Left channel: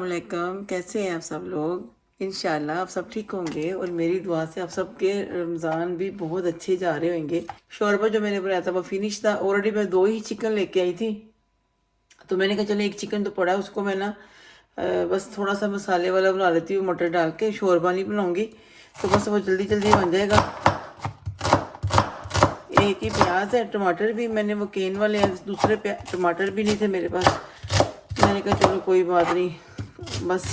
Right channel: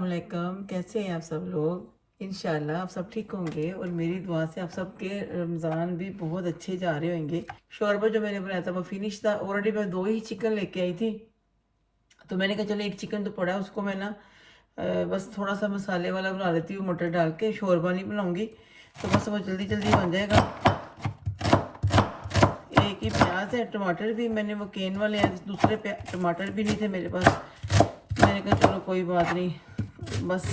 अस्सलामुअलैकुम। कैसे हैं आप सब लोग? इंशाल्लाह आप सब ठीक होंगे और मेरी दुआ से आप सबके रमज़ान भी बहुत अच्छे जा रहे होंगे। शोरबा जो मैंने बनाया था वो फिनिश था। ऑलरेडी मैं 2 ही चिकन लेके आई थी, तो मैंने कहा चलो एक चिकन तो पड़ा है, उसको मैं ना बस थोड़ा सा मसाले वाला बना लेती हूँ, मटर डाल के। शोरबा नहीं बनाऊँगी, तो बस वो जल्दी जल्दी बन जाएगा। एक ही प्याज है, टमाटर भी मैंने वो केन वाले हैं, दूसरे टमाटर भी नहीं थे मेरे पास। मैंने कहा चलो कोई बात नहीं, बस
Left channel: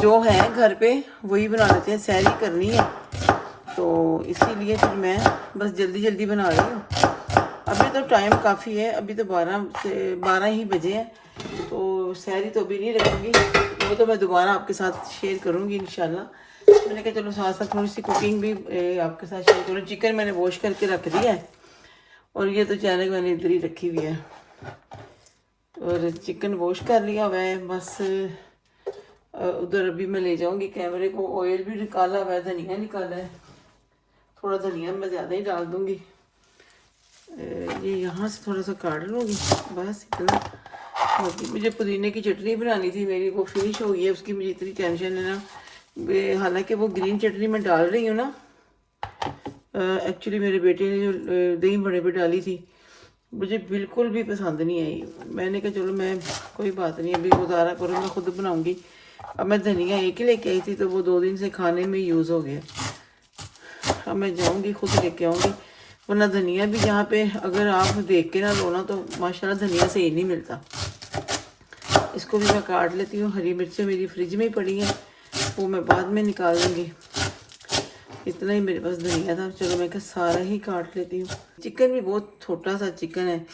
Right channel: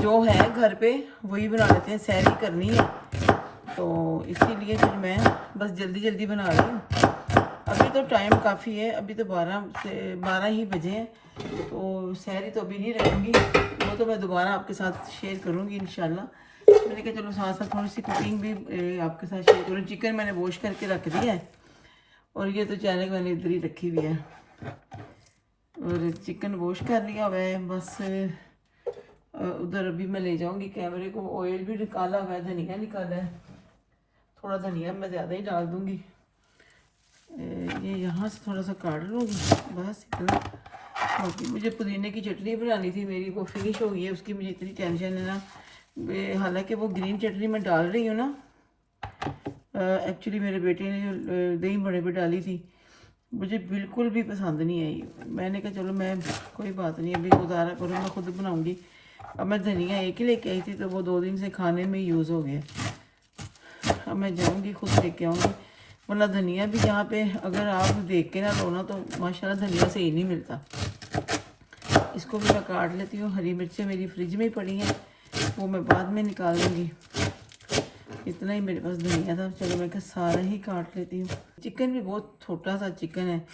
जो है घर पे वही बना लेते हैं, सैरी करनी है तो इसीलिए फिर मैं बस जल्दी जल्दी बना रही हूँ। अभी तो टाइम काफ़ी है, अभी तो 12 ही बजे हैं, तो सैरी तो अभी नहीं रखूँगी, वो तो मैं दोबारा आपके साथ शेयर करूँगी इंशाल्लाह। मैंने कहा चलो साथ साथ थोड़ी सी कुकिंग भी आपके साथ शेयर करूँ। चिकन मैंने वॉश करके रख दिया है और ये तो चैनल मैंने इधर ही रखी हुई है और चिकन वॉश कर लिया हुआ है। बस उधर अभी मैं ले जाऊंगी कैमरे को। ऑयल भी निकाला हुआ है, धनिया निकाला है, थोड़ा धनिया मैं ज़्यादा ही डाल दूंगी। ये यहाँ से थोड़ा सा काट लूँगी, बस इतना। बाकी मुझे पुदीने की चटनी बनानी थी, मेरी वो फिनिश हो गई है, उसकी मुझे इतनी टेंशन है ना। हालांकि वो ग्रीन चटनी मैं डाल रही हूँ ना, एक्चुअली मेरे बेटे ने जो दही बड़े पे डाली थी, मुझे बिल्कुल भी पसंद नहीं आई। मैंने कहा चलो मैं कोई बात नहीं, अभी गुजारा करूँ, मैं खुद बनाऊँगी। अब मैं धनिया एक ही लेके आई थी, तो वो 2 दिन से खाने में यूज़ हो गया। अब मैं जाऊँगी खुद लेके आऊँगी, वरना धनिया भी यहाँ पे अगर आप देख के ना लो ना, तो माशाल्लाह धनिया सही नहीं मिलता। इसको भी मैं काट लेती हूँ। हरी मिर्चें मेरी फ्रिज में ही पड़ी हैं, वो मैं बाद में निकाल दूँगी। इतना ही मेरे पास धनिया था, चलो मैं सारा ही काट लेती हूँ। चिकन भी बहुत छोटा सा चिकन है,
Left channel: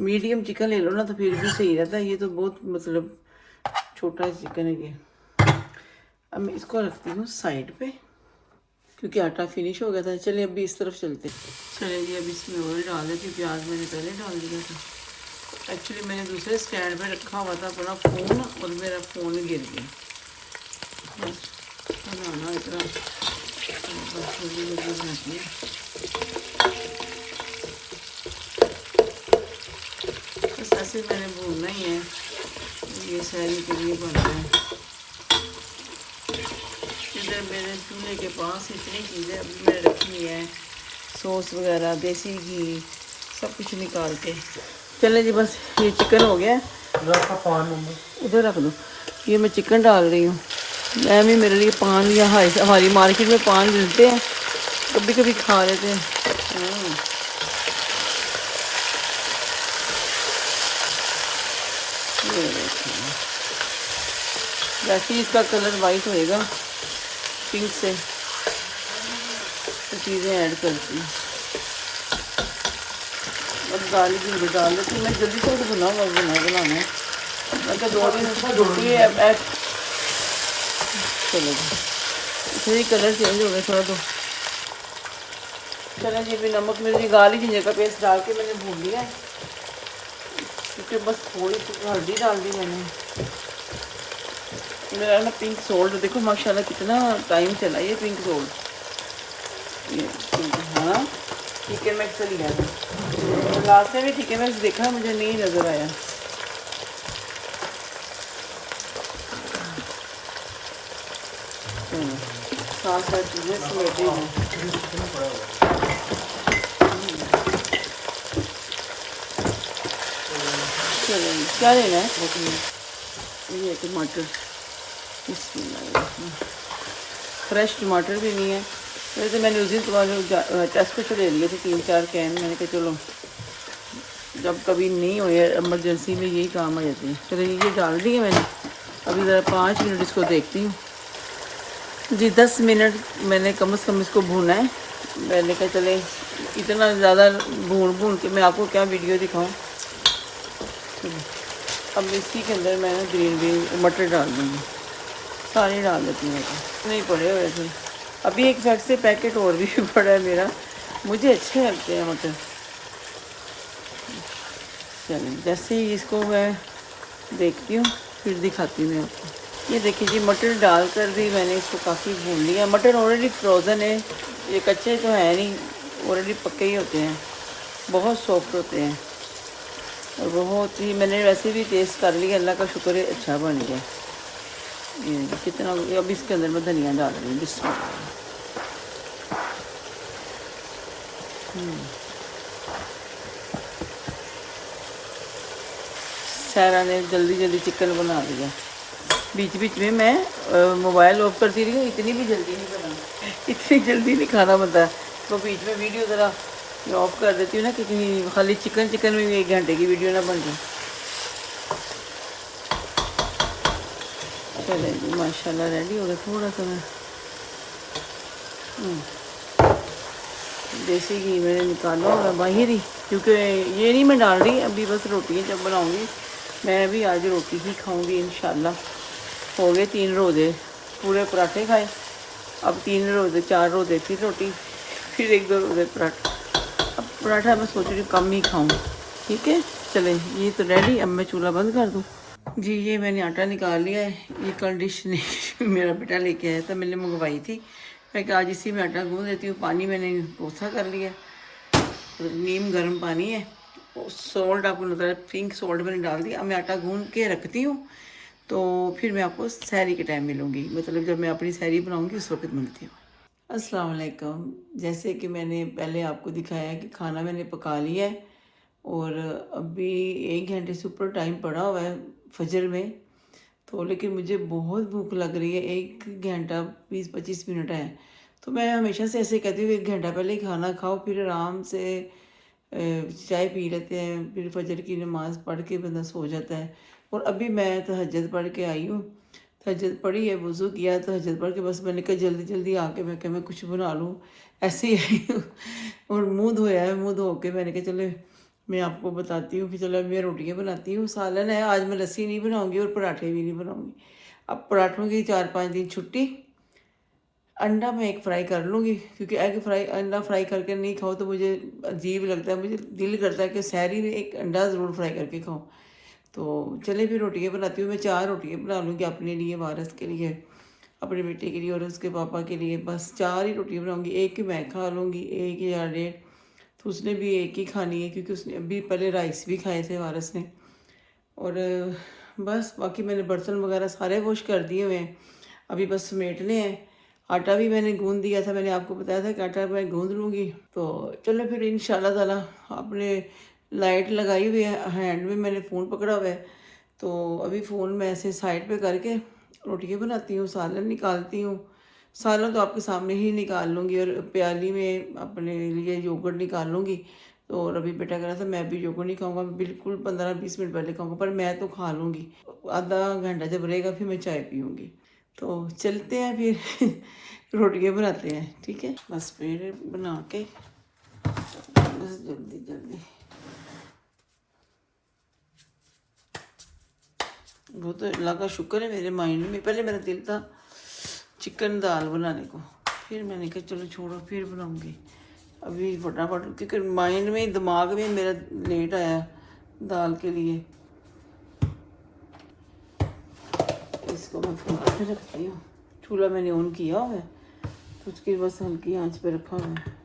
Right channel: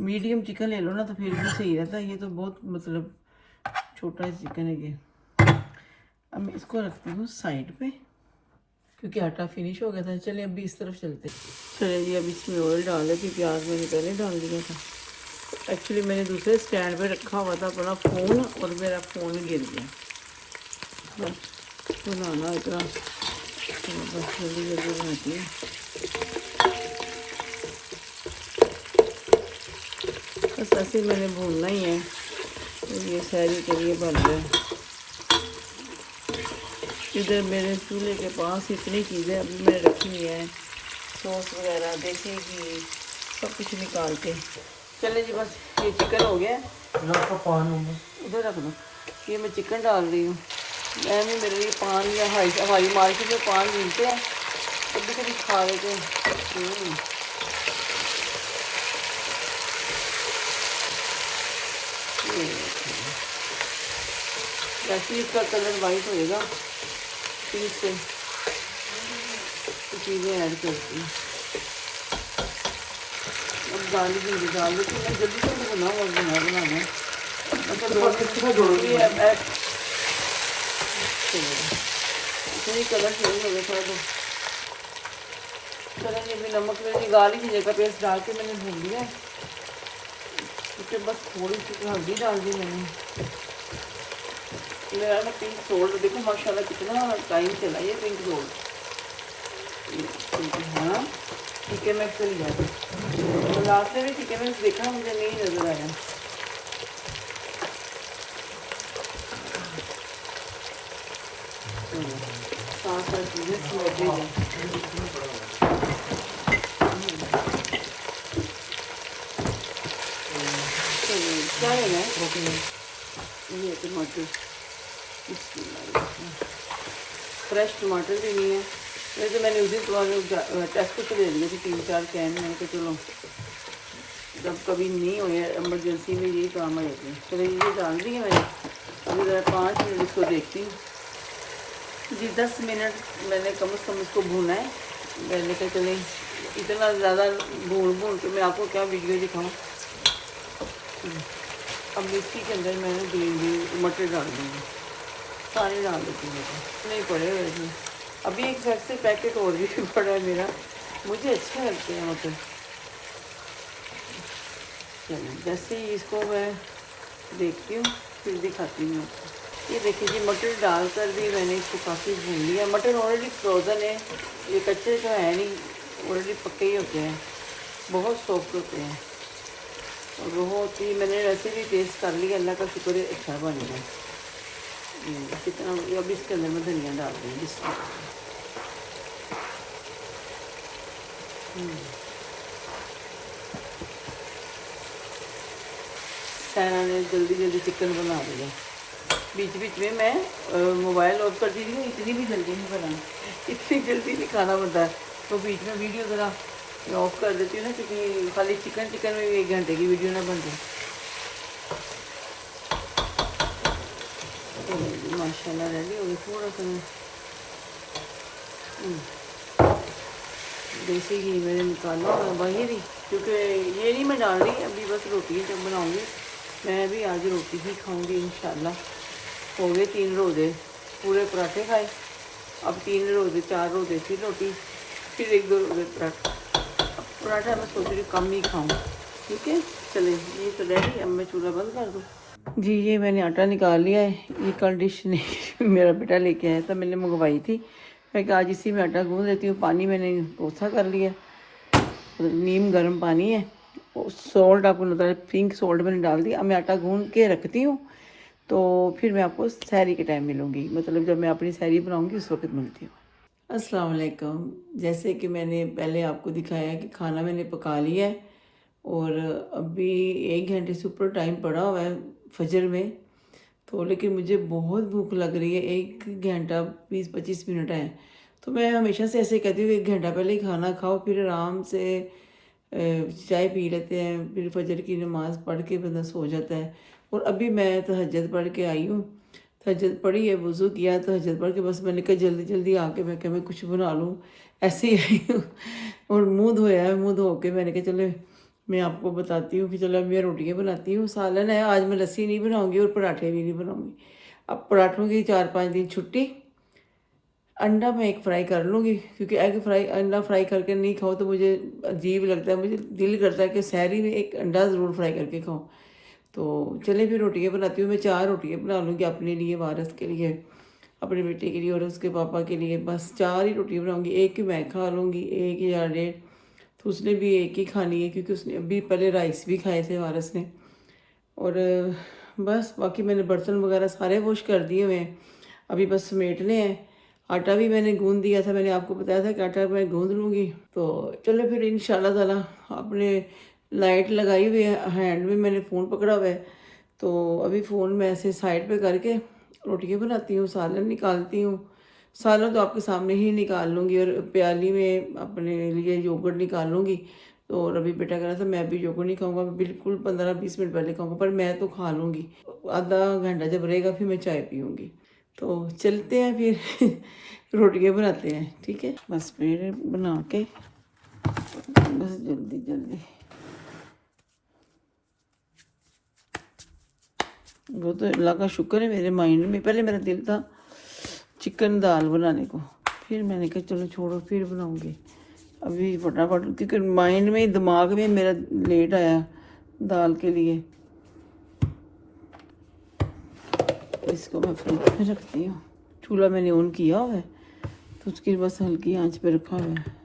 मीडियम चिकन ले लो ना तो फिर भी सही रहता है। ये तो बहुत मतलब छोटा चिकन है ये। अब मैं इसको रखती हूँ साइड पे, क्योंकि आटा फिनिश हो गया था। चले अभी इस तरफ चलते। चले जी, अब इसमें ऑयल डाल देती। प्याज मैंने पहले डाल दिया था। एक्चुअली मैंने दूसरे स्टैंड पे रखा हुआ था अपना फ़ोन, और मेरा फ़ोन गिर गया। बस बनाना इतना, बस जल्दी जल्दी बनाती है। बस ऐसे मैंने भूनना ही है, तो ये सैरी के लिए बन रहा है। इधर मेरे चूल्हे के पास इतनी चीज़ें अभी मैंने रखी हुई है, सॉस वगैरह, देसी घी, सब कुछ निकाल के। चले जी, बस ये चिकन हो गया, इधर रख दो। ये मैं चिकन डाल रही हूँ। मैं भी, मेरे लिए पान या हमारी मार्केट में पान मिलते हैं, कभी कभी खा लेते हैं। वैसे ही इसका कलर वाइट होएगा पिंक से, तो चीज़ें ऐड करती हूँ। और गार्लिक मुझे डाल देती हूँ। मैं जल्दी से बनाना है। अच्छा, 2 दिन सुबह जोड़नी है। चलो इसलिए कलर चेंज हो गया थोड़ा। तो चलें जी, भी नमक मिर्ची गार्लिक की जगह पेस्ट डाल के मैंने भून लिया, क्योंकि बस थोड़ी सी हल्दी डाल दी मैंने। मेरा ना पिंक सोल्ट देखो माशाल्लाह कितना टाइम चला ये पिंक सोल्ट। ये हाँ, ठीक है, मैक्स लिया था। तो लास्ट में भी ठीक है, मैक्स देखा, मुझे नहीं नज़र आया। साथ साथ चीज़ें समेटी हूँ। क्या लेना है? ये टमाटर, फ्रेश टमाटर भी नहीं है। पहले तो मैंने उसी टेस्ट से ले लिए थे 3-4 कैन। मैंने कहा चलो जब कभी नहीं हो या इमरजेंसी में यही काम आ जाती है। फिर ये डाल दिए मैंने। अभी ज़रा 5 मिनट इसको देखती हूँ जी। 10 मिनट मैंने कम से कम इसको भूना है। मैंने कहा चले इतना ज़्यादा भून के मैं आपको क्या वीडियो दिखाऊँ। अब इसी के अंदर मैंने ग्रीन मटर डाल दूँगी, सारे डाल देती हूँ। नहीं पड़े वैसे, अभी एक साइड से पैकेट और भी पड़ा है मेरा, मुझे अच्छे लगते हैं मटर। चलिए, जैसे ही इसको मैं देखती हूँ फिर दिखाती हूँ मैं आपको। ये देखिए जी, मटर डाल कर भी मैंने इसको काफ़ी भून लिया। मटर ऑलरेडी फ्रोज़न है, ये कच्चे तो है नहीं, ऑलरेडी पके ही होते हैं, बहुत सॉफ्ट होते हैं। और बहुत ही मैंने वैसे भी टेस्ट कर लिया, अल्लाह का शुक्र है अच्छा बन गया। ये कितना हो गया। अब इसके अंदर मैं धनिया डाल रही हूँ। सारा ने जल्दी जल्दी चिकन बना लिया। बीच बीच में मैं मोबाइल ऑफ करती रही हूँ। इतनी भी जल्दी नहीं बनाना, इतनी जल्दी नहीं खाना बनता है। तो बीच में वीडियो ज़रा ऑफ कर देती हूँ ना, कितनी खाली चिकन चिकन में भी 1 घंटे की वीडियो ना बन जाए। चले जी माशाल्लाह रेडी हो गया। थोड़ा सा मैं देसी घी मैंने निकाला होगा बाहर ही, क्योंकि ये नहीं मैं डाल रही अभी, बस रोटी जब बनाऊँगी। मैं भी आज रोटी ही खाऊँगी इंशाल्लाह। हो गए 3 रोज़े, पूरे पराठे खाए। अब 3 रोज़े 4 रोज़े फिर रोटी, फिर 1-2 रोज़े पराठा। अब पराठा मैं सोच रही हूँ कम ही खाऊँ। ठीक है चले, ये तो रेडी। अब मैं चूल्हा बंद कर दूँ। जी ये मैंने आटा निकाल लिया है। ये कल डिश नहीं मेरा बेटा लेके आया था, मैंने मंगवाई थी। मैं आज इसी में आटा गूँध देती हूँ। पानी मैंने कोसा कर लिया, नीम गर्म पानी है। सॉल्ट आपको नजर है, पिंक सॉल्ट मैंने डाल दिया। अब मैं आटा गूँध के रखती हूँ, तो फिर मैं आपको सहरी के टाइम मिलूँगी। मतलब जब मैं अपनी सहरी बनाऊँगी उस वक्त मिलती हूँ। अस्सलाम वालेकुम। जैसे कि मैंने पहले आपको दिखाया कि खाना मैंने पका लिया है, और अभी 1 घंटे से ऊपर टाइम पड़ा हुआ है फजर में। तो लेकिन मुझे बहुत भूख लग रही है। 1 घंटा 20-25 मिनट है। तो मैं हमेशा से ऐसे कहती हूँ 1 घंटा पहले ही खाना खाओ, फिर आराम से चाय पी लेते हैं, फिर फजर की नमाज़ पढ़ के बंदा सो जाता है। और अभी मैं तहज्जुद पढ़ के आई हूँ। तहज्जुद पढ़ी है, वज़ू किया, तहज्जुद पढ़ के बस मैंने कहा जल्दी जल्दी आके मैं कुछ बना लूँ। ऐसे ही आई हूँ और मुँह धोया है। मुँह धो के मैंने कहा चलो मैं आपको बताती हूँ कि चलो मैं रोटियाँ बनाती हूँ। सालन है आज, मैं लस्सी नहीं बनाऊँगी और पराठे भी नहीं बनाऊँगी। अब पराठों की 4-5 दिन छुट्टी। अंडा मैं एक फ्राई कर लूँगी, क्योंकि एग फ्राई अंडा फ्राई करके नहीं खाओ तो मुझे अजीब लगता है। मुझे दिल करता है कि सहरी में एक अंडा ज़रूर फ्राई करके खाओ। तो चले फिर रोटियाँ बनाती हूँ। मैं 4 रोटियाँ बना लूँगी अपने लिए, वारस के लिए, अपने बेटे के लिए और उसके पापा के लिए। बस 4 ही रोटियाँ बनाऊँगी। एक ही मैं खा लूँगी, 1 या 1.5। तो उसने भी एक ही खानी है, क्योंकि उसने अभी पहले राइस भी खाए थे वारस ने। और बस बाकी मैंने बर्तन वगैरह सारे वॉश कर दिए हुए हैं। अभी बस समेटने हैं। आटा भी मैंने गूँध दिया था, मैंने आपको बताया था कि आटा मैं गूँध लूँगी। तो चलो फिर इंशाल्लाह ताला। अपने लाइट लगाई हुई है, हैंड में मैंने फ़ोन पकड़ा हुआ है। तो अभी फ़ोन मैं ऐसे साइड पे करके रोटियाँ बनाती हूँ, सालन निकालती हूँ। सालन तो आपके सामने ही निकाल लूँगी, और प्याली में अपने लिए योगर्ट निकाल लूँगी। तो और अभी बेटा कह रहा था मैं भी योगर्ट नहीं खाऊंगा, मैं बिल्कुल 15-20 मिनट पहले खाऊंगा, पर मैं तो खा लूँगी। आधा घंटा जब रहेगा फिर मैं चाय पीऊँगी। तो चलते हैं फिर रोटियाँ बनाते हैं। ठीक है बस फिर बना के बस जल्दी जल्दी। वो तो अल्लाह का शुक्र है, मेरे माइंड में पहले मेरा दिल था चिकन दाल बनाने को, फिर मैंने कहा चलो छोड़ो फिर बनाऊंगी। अभी फटाफट, क्योंकि माइंड में दिमाग में मेरा लेट आया दाल के लिए। इसको मैं फ्रिज में रखती हूँ। चूल्हा मैंने ऑन किया हुआ है, तो उसकी बस हल्की आंच पे रखा हुआ है।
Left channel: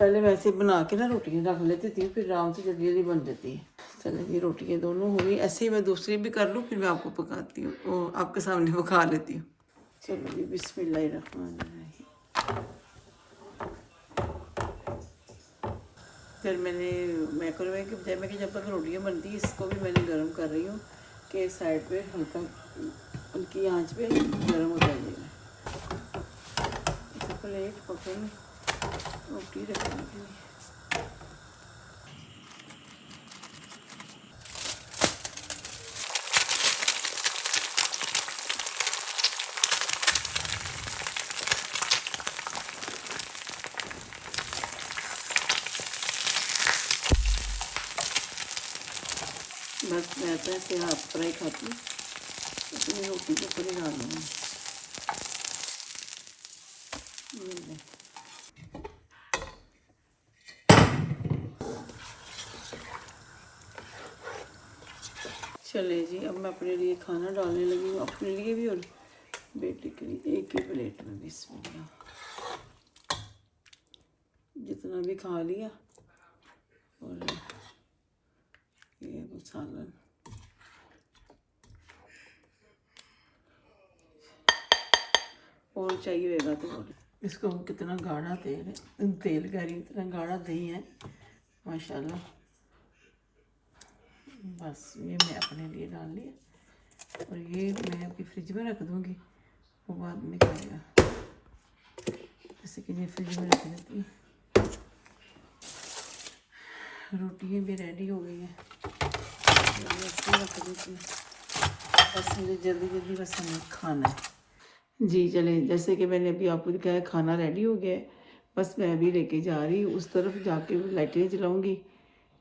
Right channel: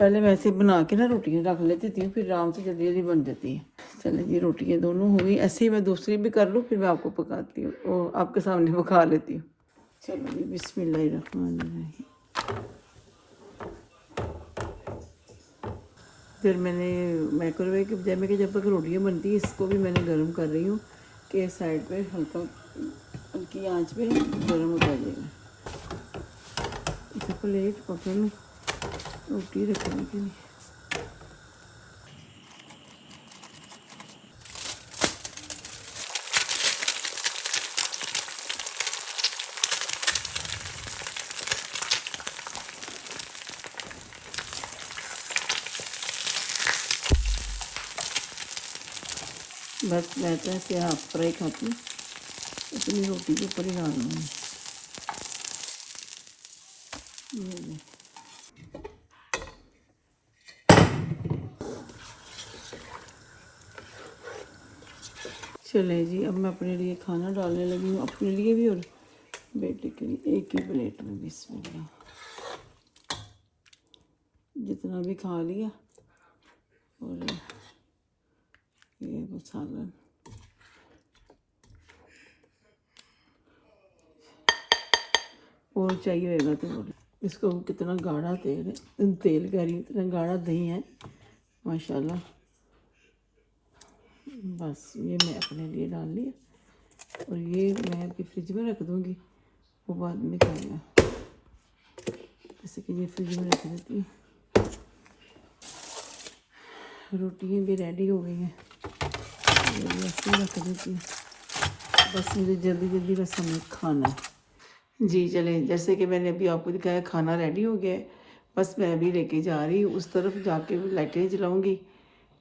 पहले वैसे बना के ना रोटियाँ रख लेती थी, फिर आराम से जल्दी जल्दी बन जाती है। चलो ये रोटियाँ दोनों हो गई। ऐसे ही मैं दूसरी भी कर लूँ, फिर मैं आपको पकाती हूँ और आपके सामने पका लेती हूँ। चलो जी बिस्मिल्लाहिर्रहमानिर्रहीम। फिर मैंने माइक्रोवेव में कि जब तक रोटियाँ बनती है इसको भी मैंने गर्म कर रही हूँ कि साइड पे हल्की आंच पे गर्म हो जाएगा। इस प्लेट पके में रोटी रखने के लिए। बस मैं तो ऐसे हाफ फ्राई खाती हूँ, इतनी रोटी के ऊपर ही डालना है। चले जी अब मैं अपने लिए खाना डालने लगी हूँ, अपने लिए भी और बेटे के लिए। एक ही प्लेट में बिस्मिल्लाह, जितना भी खा लिया। और ये वो सालन, और चाहिए होगा तो बोलो। इसको कितना गाढ़ा तेल है, तेल कह रही हूँ, इतना गाढ़ा दही है माशाल्लाह। बस ये मैं अपने लिए डाल लिया और ये मैं अभी फ्रिज में रख दूँगी, वो बाद में खाएगा। जैसे कि ये फ्रिज में रख देती हूँ। रोटियाँ भी रेडी हो गई हैं, रख देती हूँ। बस मुझे जल्दी जल्दी बस हमें खाना है। जी चलें, जैसे कि मैंने अभी आपको दिखाया खाना रेडी हो गया है। बस मैं अभी लेके जा रही हूँ उस तरफ, जाके लाइटें जलाऊँगी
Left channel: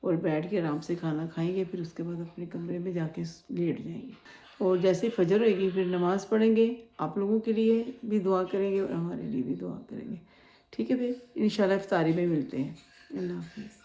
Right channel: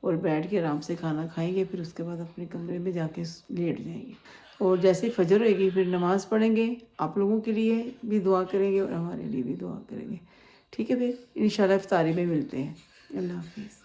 और बैठ के आराम से खाना खाएंगे। फिर उसके बाद अपने कमरे में जाके लेट जाएंगे और जैसे ही फजर होएगी फिर नमाज़ पढ़ेंगे। आप लोगों के लिए भी दुआ करेंगे और हमारे लिए भी दुआ करेंगे। ठीक है, फिर इंशाल्लाह इफ्तारी में मिलते हैं। अल्लाह हाफिज़।